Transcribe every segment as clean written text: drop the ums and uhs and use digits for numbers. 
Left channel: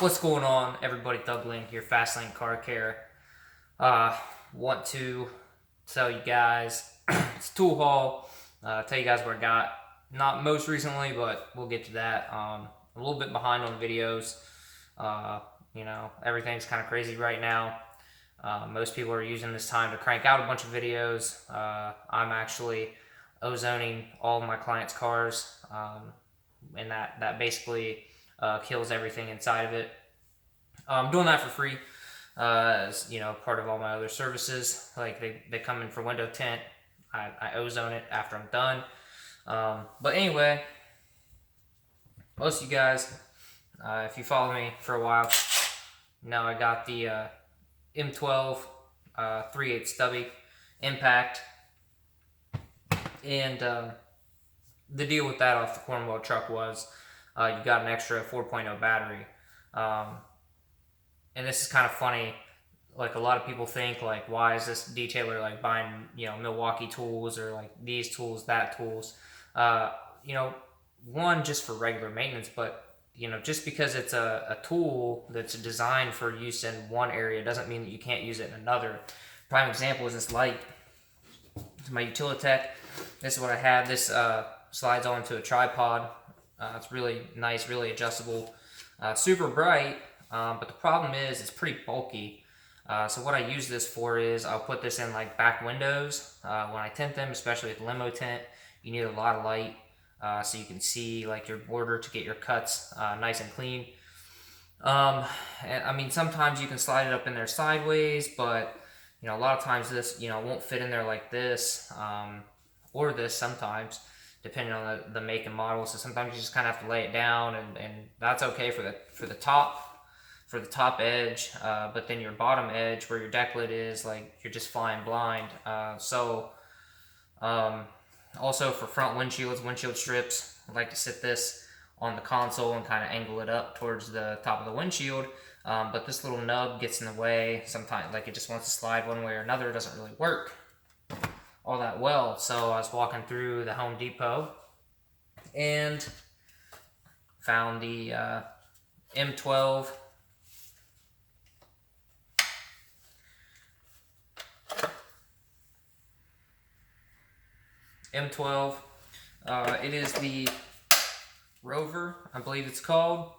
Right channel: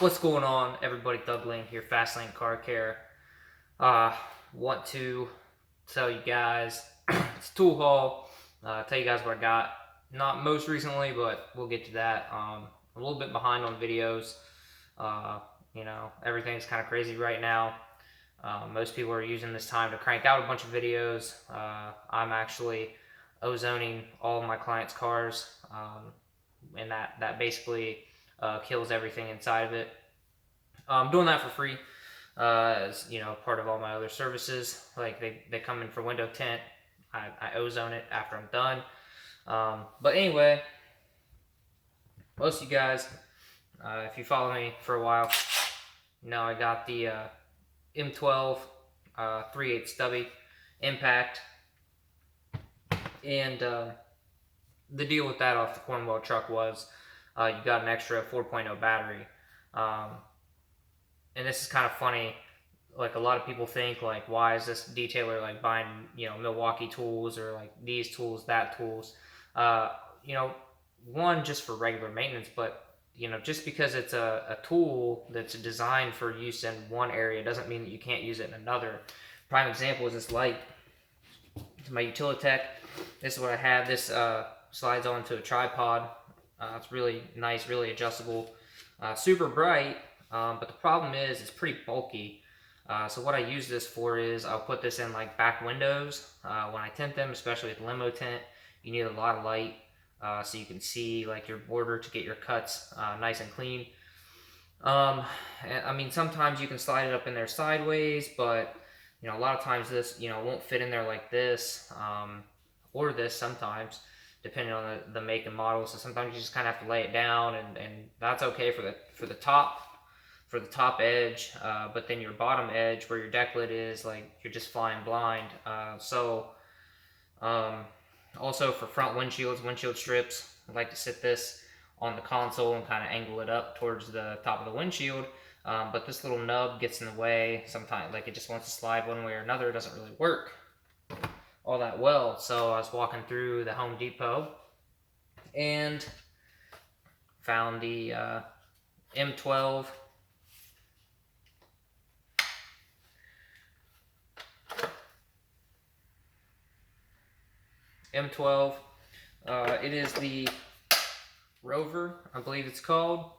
What's going on, everybody? Thugling here, Fastlane Car Care. Want to tell you guys it's a tool haul. Tell you guys what I got. Not most recently, but we'll get to that. A little bit behind on videos. Everything's kind of crazy right now. Most people are using this time to crank out a bunch of videos. I'm actually ozoning all of my clients' cars, and that basically kills everything inside of it. I'm doing that for free, as part of all my other services. Like they come in for window tint. I ozone it after I'm done. But anyway, most of you guys, if you follow me for a while, I got the M12 3/8 stubby impact, and the deal with that off the Cornwall truck was you got an extra 4.0 battery. And this is kind of funny. Like, a lot of people think, like, why is this detailer like buying Milwaukee tools, or like these tools, that tools? uh One, just for regular maintenance, but just because it's a tool that's designed for use in one area doesn't mean that you can't use it in another. Prime example is this light. It's my Utilitech. This is what I have. This slides onto a tripod. It's really nice, really adjustable, super bright. But the problem is it's pretty bulky. So what I use this for is I'll put this in like back windows when I tint them, especially with limo tint. You need a lot of light so you can see like your border to get your cuts nice and clean. And I mean, sometimes you can slide it up in there sideways, but a lot of times this won't fit in there like this, or this sometimes, depending on the make and model. So sometimes you just kind of have to lay it down, and that's okay for the top edge, but then your bottom edge where your deck lid is, like, you're just flying blind. Also for front windshield strips, I like to sit this on the console and kind of angle it up towards the top of the windshield. But this little nub gets in the way sometimes. Like, it just wants to slide one way or another. It doesn't really work all that well. So I was walking through the Home Depot and found the M12 M12. It is the Rover, I believe it's called.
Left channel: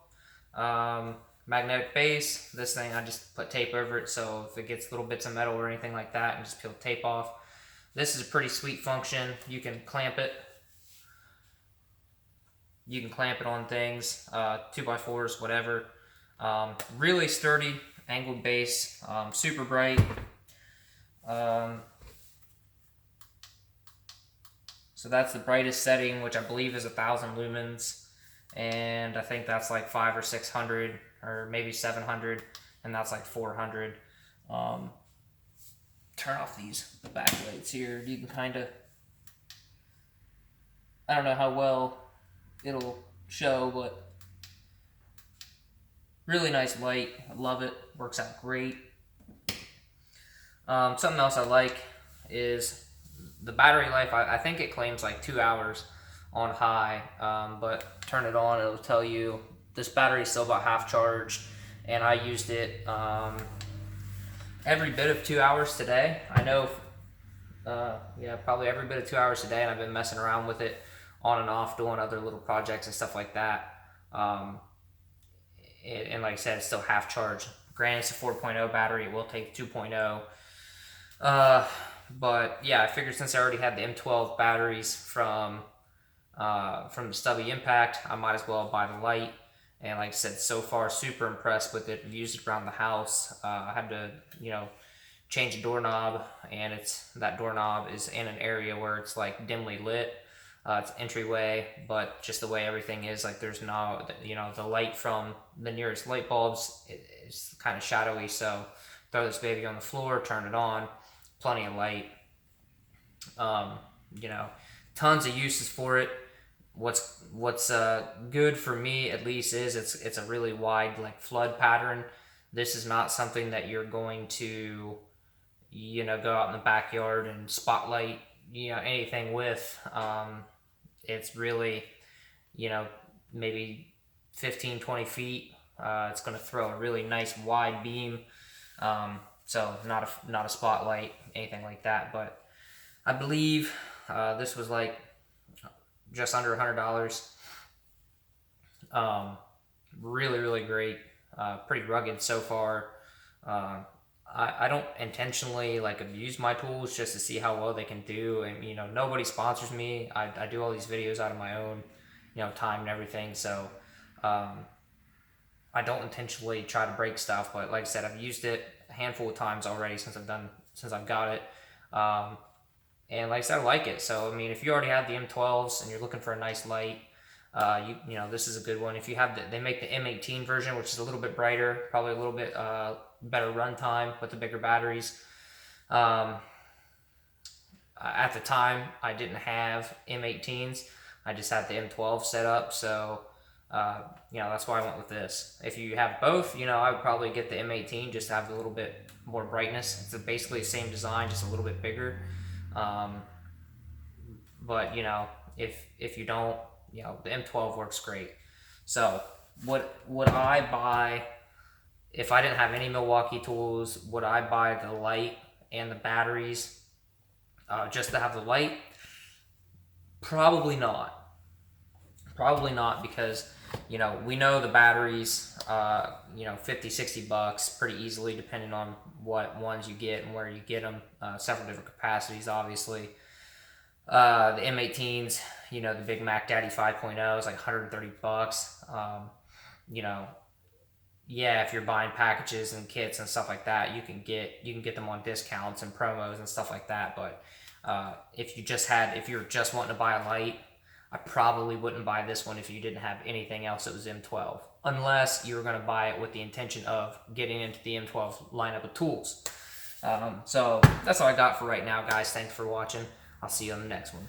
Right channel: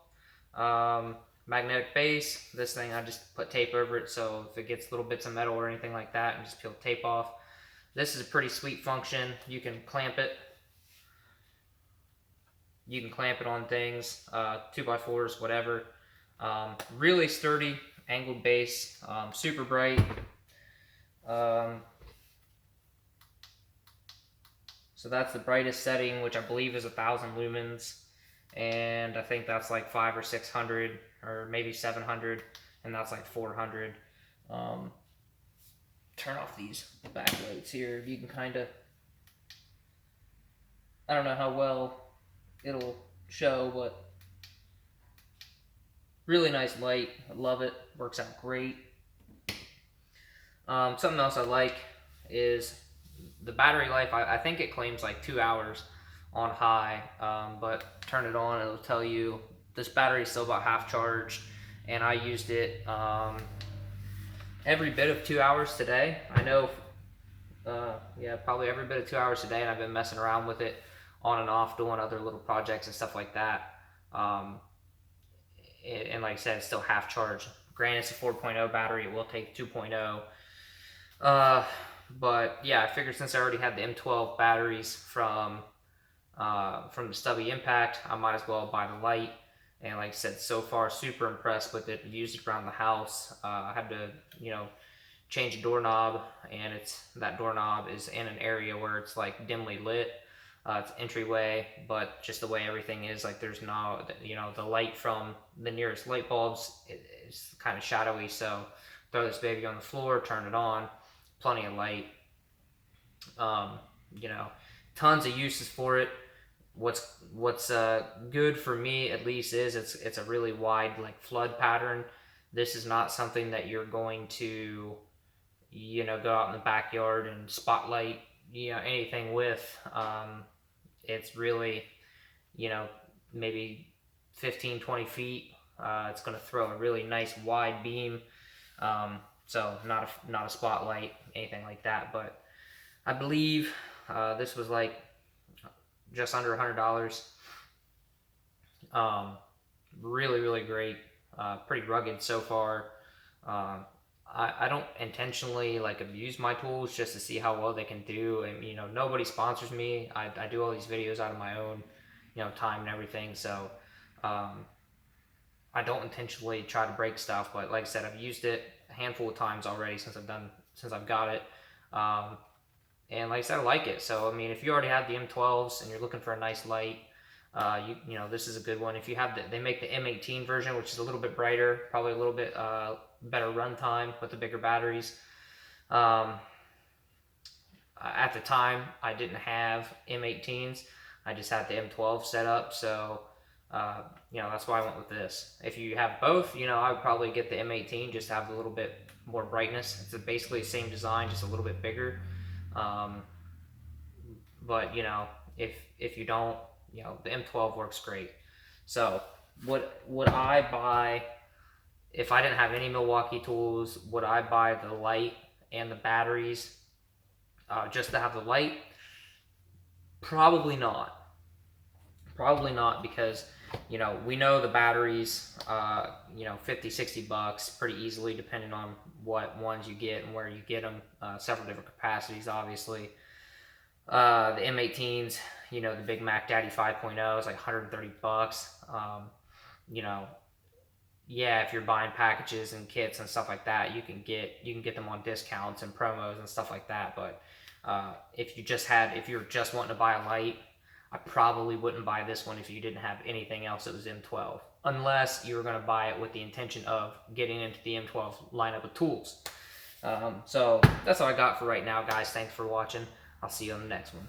Magnetic base. This thing, I just put tape over it, so if it gets little bits of metal or anything like that, and just peel tape off. This is a pretty sweet function. You can clamp it. You can clamp it on things, 2x4s, whatever. Really sturdy, angled base, super bright. So that's the brightest setting, which I believe is 1,000 lumens, and I think that's like 500 or 600 or maybe 700, and that's like 400. Turn off these backlights here. You can kind of, I don't know how well it'll show, but really nice light. I love it. Works out great. Something else I like is the battery life. I think it claims like 2 hours on high, but turn it on, it'll tell you this battery is still about half charged, and I used it every bit of 2 hours today. I know, probably every bit of 2 hours today, and I've been messing around with it on and off, doing other little projects and stuff like that. And like I said, it's still half charged. Granted, it's a 4.0 battery. It will take 2.0. But yeah, I figured since I already had the M12 batteries from the stubby impact, I might as well buy the light. And like I said, so far super impressed with it. I've used it around the house. I had to change a doorknob, and that doorknob is in an area where it's like dimly lit. It's entryway, but just the way everything is, like, there's no, the light from the nearest light bulbs is kind of shadowy. So throw this baby on the floor, turn it on, plenty of light. Tons of uses for it. What's good for me, at least, is it's a really wide, like, flood pattern. This is not something that you're going to go out in the backyard and spotlight anything with. It's really maybe 15-20 feet It's going to throw a really nice wide beam. So not a spotlight, anything like that. But I believe this was like just under $100. Really, really great. Pretty rugged so far. I don't intentionally like abuse my tools just to see how well they can do. And you know, nobody sponsors me. I do all these videos out of my own, you know, time and everything. So I don't intentionally try to break stuff. But like I said, I've used it a handful of times already since I've got it. And like I said, I like it. So I mean, if you already have the M12s and you're looking for a nice light, you know, this is a good one. If you have they make the M18 version, which is a little bit brighter, probably a little bit better run time with the bigger batteries. At the time, I didn't have M18s. I just had the M12 set up, so you know, that's why I went with this. If you have both, you know, I would probably get the M18 just to have a little bit more brightness. It's basically the same design, just a little bit bigger. But you know, if you don't, you know, the M12 works great. So would I buy, if I didn't have any Milwaukee tools, would I buy the light and the batteries just to have the light? Probably not. Probably not, because you know, we know the batteries, you know, 50-60 bucks pretty easily, depending on what ones you get and where you get them. Several different capacities, obviously. The M18s, you know, the Big Mac Daddy 5.0 is like 130 bucks. You know, yeah, if you're buying packages and kits and stuff like that, you can get them on discounts and promos and stuff like that. But if you're just wanting to buy a light, I probably wouldn't buy this one if you didn't have anything else that was M12, unless you were going to buy it with the intention of getting into the M12 lineup of tools. So that's all I got for right now, guys. Thanks for watching. I'll see you on the next one.